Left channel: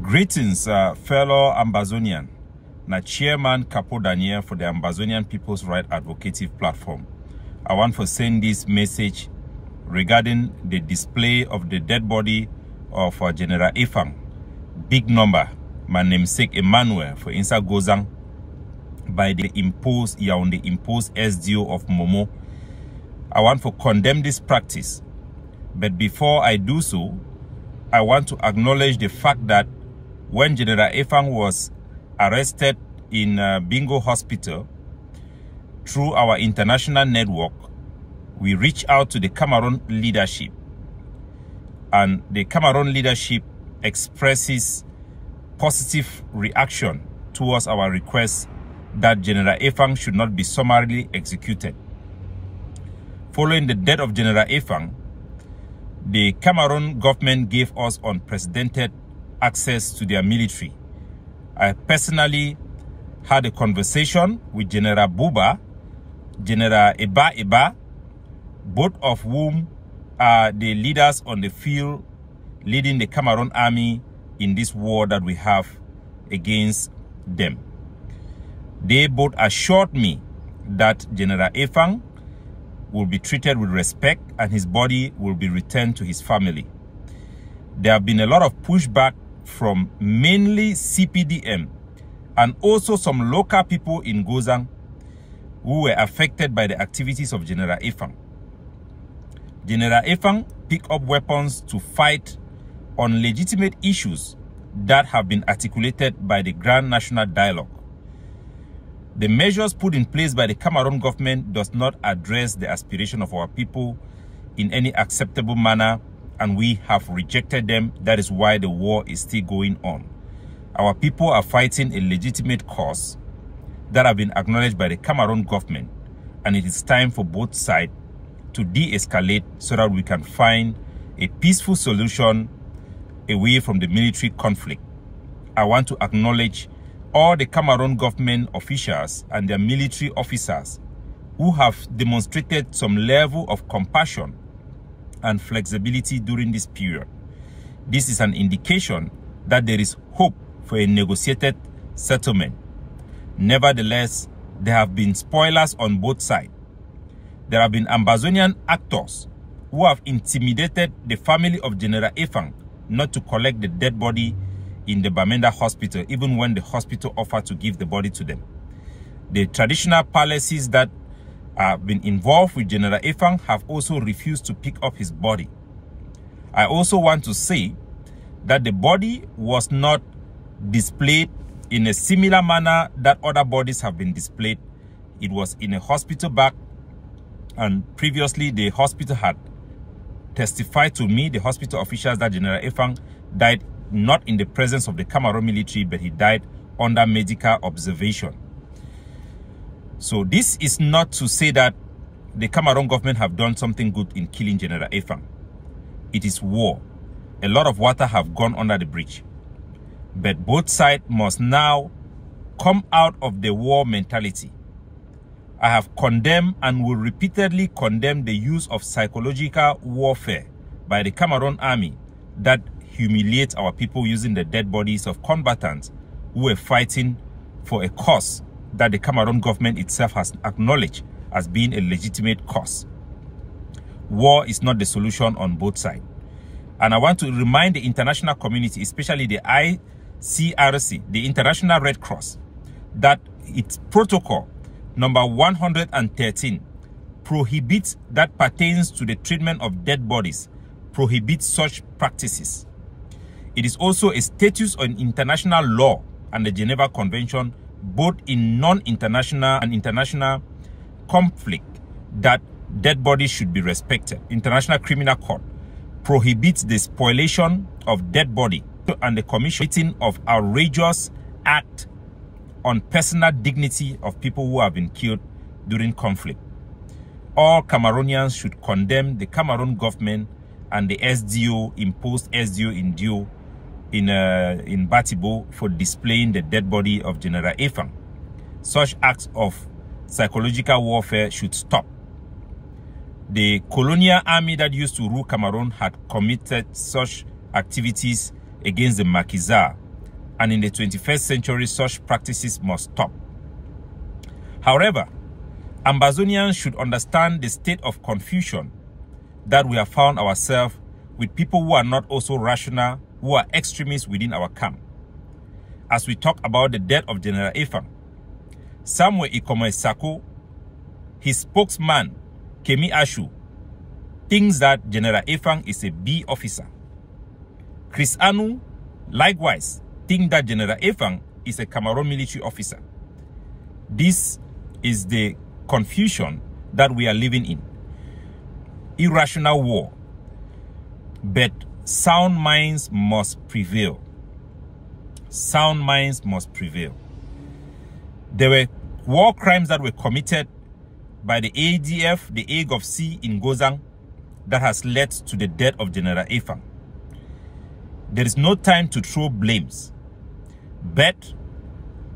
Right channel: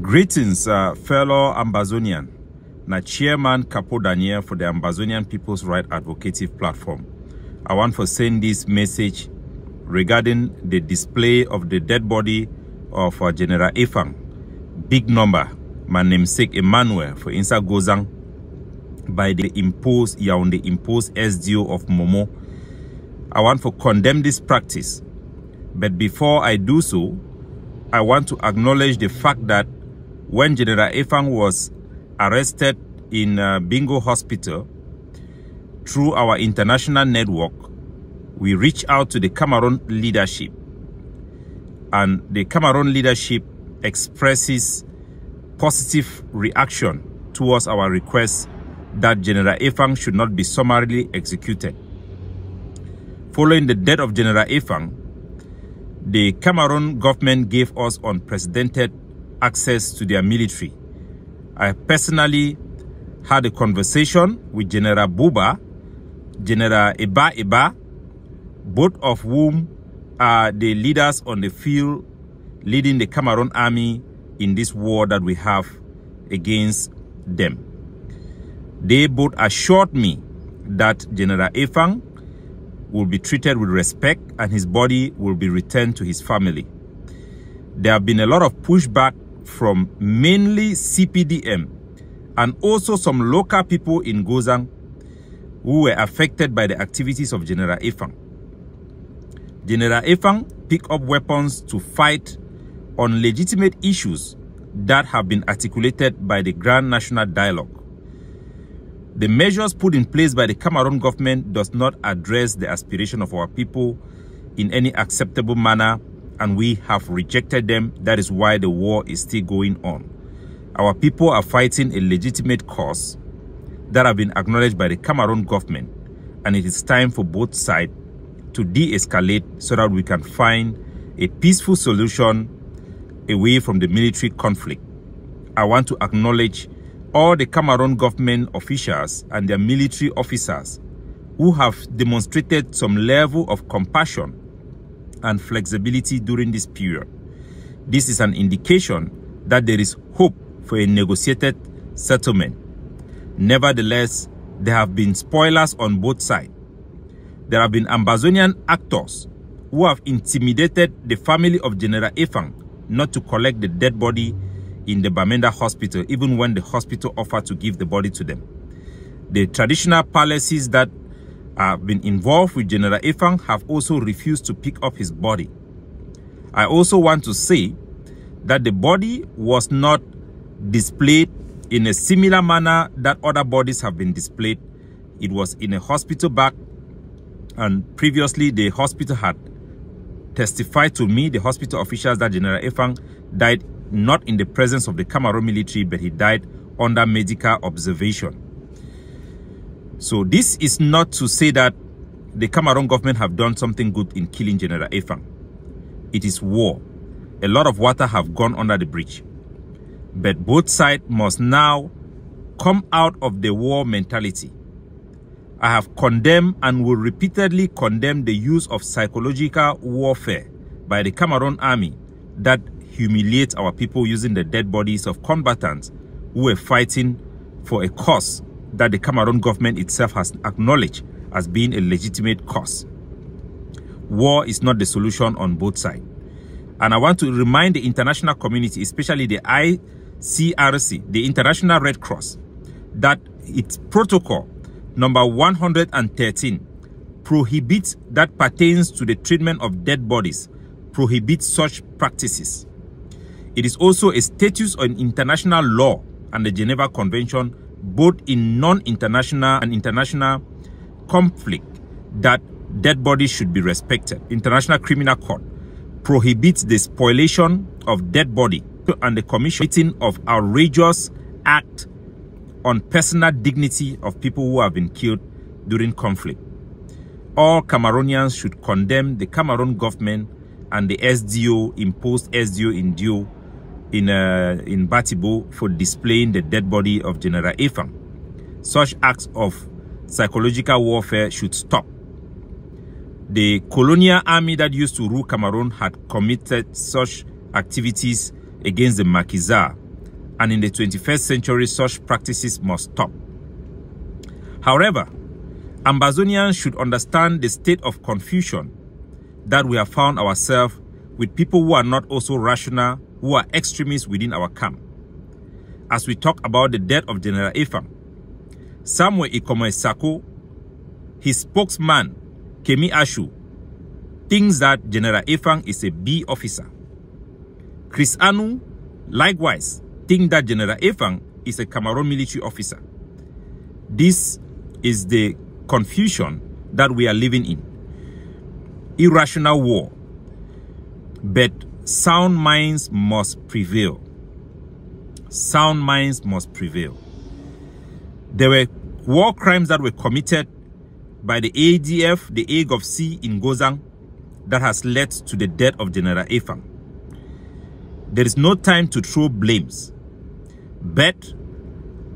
Greetings, fellow Ambazonian. Na Chairman Capo Daniel for the Ambazonian People's Right Advocative Platform. I want to send this message regarding the display of the dead body of General Efang. Big number, my namesake Emmanuel for Insa Gozang by the Yaoundé imposed SDO of Momo. I want to condemn this practice. But before I do so, I want to acknowledge the fact that when General Efang was arrested in Bingo Hospital, through our international network, we reached out to the Cameroon leadership. And the Cameroon leadership expresses positive reaction towards our request that General Efang should not be summarily executed. Following the death of General Efang, the Cameroon government gave us unprecedented access to their military. I personally had a conversation with General Buba, General Eba, both of whom are the leaders on the field leading the Cameroon army in this war that we have against them. They both assured me that General Efang will be treated with respect and his body will be returned to his family. There have been a lot of pushback from mainly CPDM and also some local people in Gozang who were affected by the activities of General Efang. General Efang picked up weapons to fight on legitimate issues that have been articulated by the Grand National Dialogue. The measures put in place by the Cameroon government does not address the aspiration of our people in any acceptable manner, and we have rejected them. That is why the war is still going on. Our people are fighting a legitimate cause that have been acknowledged by the Cameroon government, and it is time for both sides to de-escalate so that we can find a peaceful solution away from the military conflict. I want to acknowledge all the Cameroon government officials and their military officers who have demonstrated some level of compassion and flexibility during this period. This is an indication that there is hope for a negotiated settlement. Nevertheless, there have been spoilers on both sides. There have been Ambazonian actors who have intimidated the family of General Efang not to collect the dead body in the Bamenda hospital, even when the hospital offered to give the body to them. The traditional palaces that have been involved with General Efang have also refused to pick up his body. I also want to say that the body was not displayed in a similar manner that other bodies have been displayed. It was in a hospital bag, and previously the hospital had testified to me, the hospital officials, that General Efang died not in the presence of the Cameroon military, but he died under medical observation. So this is not to say that the Cameroon government have done something good in killing General Efang. It is war. A lot of water have gone under the bridge. But both sides must now come out of the war mentality. I have condemned and will repeatedly condemn the use of psychological warfare by the Cameroon army that humiliates our people using the dead bodies of combatants who were fighting for a cause that the Cameroon government itself has acknowledged as being a legitimate cause. War is not the solution on both sides. And I want to remind the international community, especially the ICRC, the International Red Cross, that its protocol number 113 prohibits, that pertains to the treatment of dead bodies, prohibits such practices. It is also a status on international law and the Geneva Convention, both in non-international and international conflict, that dead bodies should be respected. International Criminal Court prohibits the spoliation of dead body and the commission of outrageous act on personal dignity of people who have been killed during conflict. All Cameroonians should condemn the Cameroon government and the SDO, imposed SDO in Batibo for displaying the dead body of General Efang. Such acts of psychological warfare should stop. The colonial army that used to rule Cameroon had committed such activities against the Maquisards and in the 21st century, such practices must stop. However, Ambazonians should understand the state of confusion that we have found ourselves with people who are not also rational, who are extremists within our camp. As we talk about the death of General Efang, Samuel Ikome Sako, his spokesman, Kemi Ashu, thinks that General Efang is a B officer. Chris Anu, likewise, thinks that General Efang is a Cameroon military officer. This is the confusion that we are living in. Irrational war. But sound minds must prevail. Sound minds must prevail. There were war crimes that were committed by the ADF, the AGOFC in Gozang, that has led to the death of General Efang. There is no time to throw blames, but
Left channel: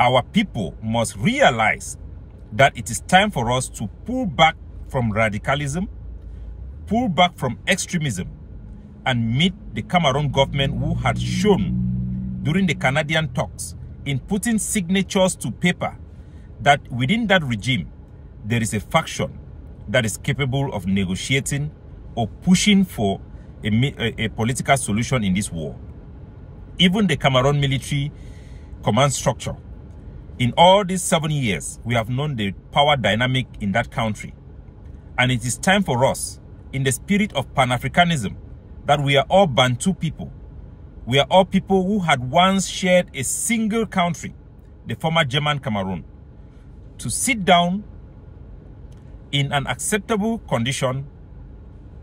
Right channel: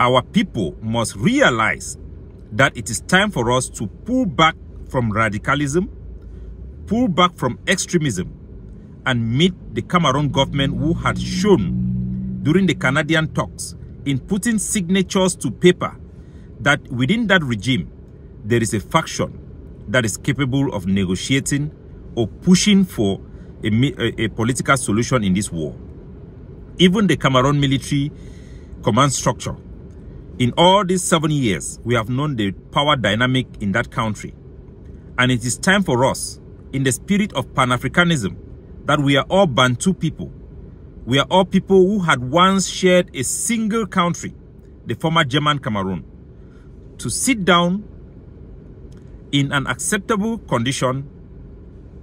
our people must realize that it is time for us to pull back from radicalism, pull back from extremism, and meet the Cameroon government who had shown during the Canadian talks in putting signatures to paper that within that regime there is a faction that is capable of negotiating or pushing for a political solution in this war. Even the Cameroon military command structure, in all these 7 years, we have known the power dynamic in that country. And it is time for us, in the spirit of Pan-Africanism, that we are all Bantu people. We are all people who had once shared a single country, the former German Cameroon, to sit down in an acceptable condition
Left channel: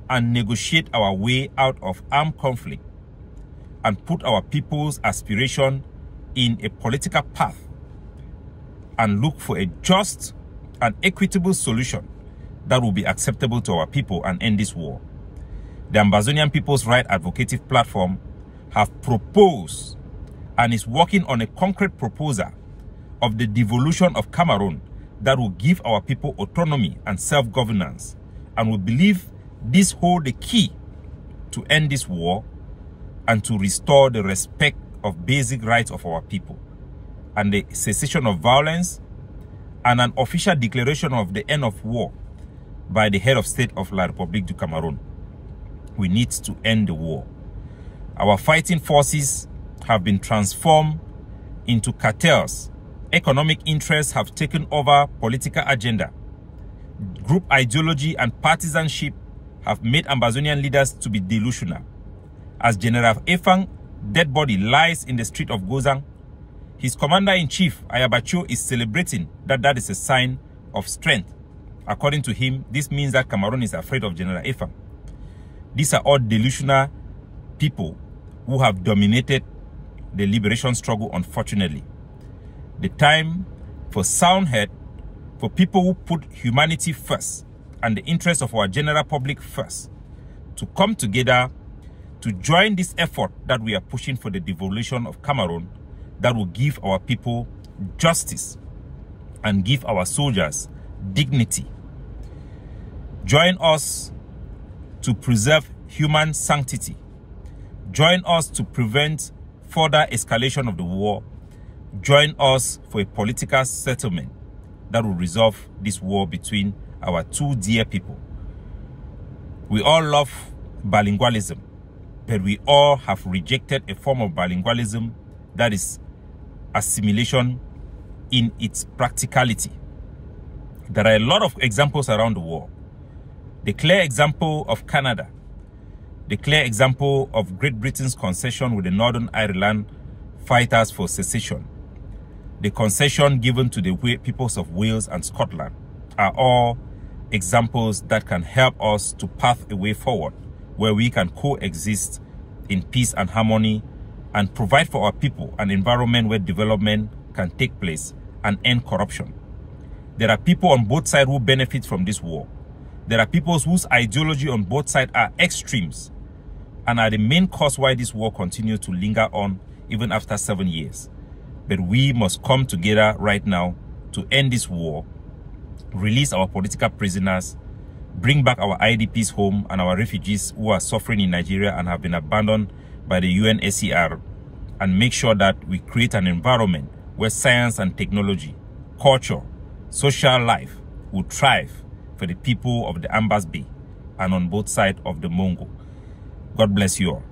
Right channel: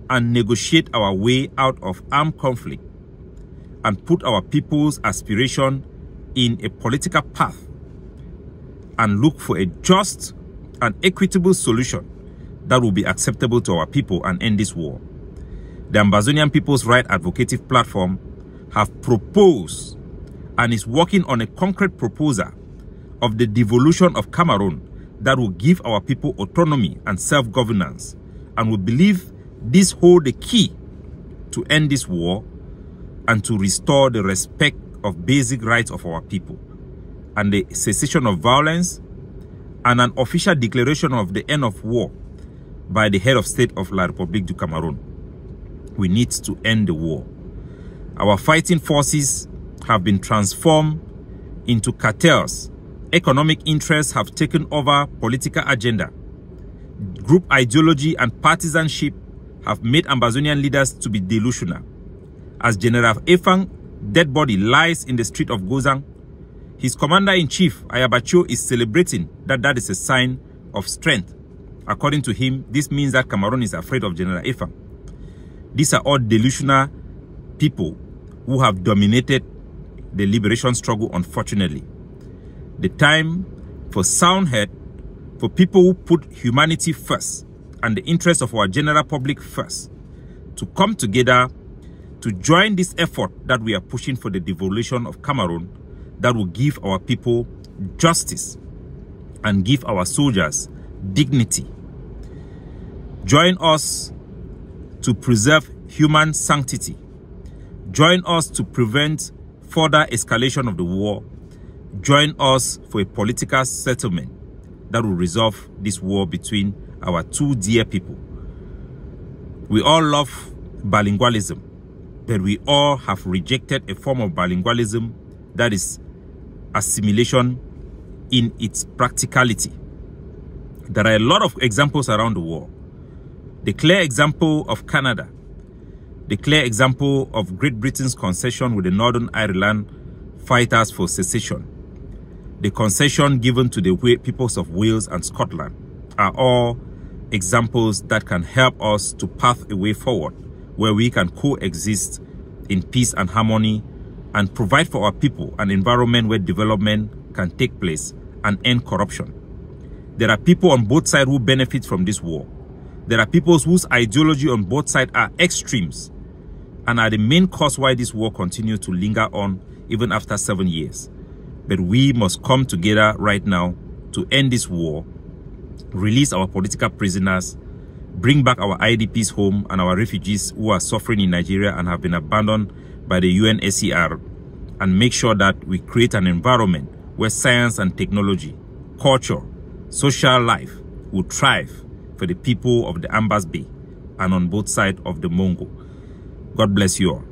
and negotiate our way out of armed conflict and put our people's aspiration in a political path and look for a just and equitable solution that will be acceptable to our people and end this war. The Ambazonian People's Right Advocative Platform have proposed and is working on a concrete proposal of the devolution of Cameroon that will give our people autonomy and self-governance, and we believe this holds the key to end this war and to restore the respect of basic rights of our people and the cessation of violence and an official declaration of the end of war by the head of state of La République du Cameroon. We need to end the war. Our fighting forces have been transformed into cartels. Economic interests have taken over political agenda. Group ideology and partisanship have made Ambazonian leaders to be delusional. As General Efang dead body lies in the street of Gozang, his commander-in-chief, Ayabacho, is celebrating that is a sign of strength. According to him, this means that Cameroon is afraid of General Efang. These are all delusional people who have dominated the liberation struggle, unfortunately. The time for sound head, for people who put humanity first and the interests of our general public first, to come together to join this effort that we are pushing for the devolution of Cameroon that will give our people justice and give our soldiers dignity. Join us to preserve human sanctity. Join us to prevent further escalation of the war. Join us for a political settlement that will resolve this war between our two dear people. We all love bilingualism, but we all have rejected a form of bilingualism that is assimilation in its practicality. There are a lot of examples around the world. The clear example of Canada, the clear example of Great Britain's concession with the Northern Ireland fighters for secession, the concession given to the peoples of Wales and Scotland are all examples that can help us to path a way forward where we can coexist in peace and harmony and provide for our people an environment where development can take place and end corruption. There are people on both sides who benefit from this war. There are people whose ideology on both sides are extremes and are the main cause why this war continues to linger on even after 7 years. But we must come together right now to end this war, release our political prisoners, bring back our IDPs home and our refugees who are suffering in Nigeria and have been abandoned by the UNHCR, and make sure that we create an environment where science and technology, culture, social life will thrive for the people of the Ambas Bay and on both sides of the Mongo. God bless you all.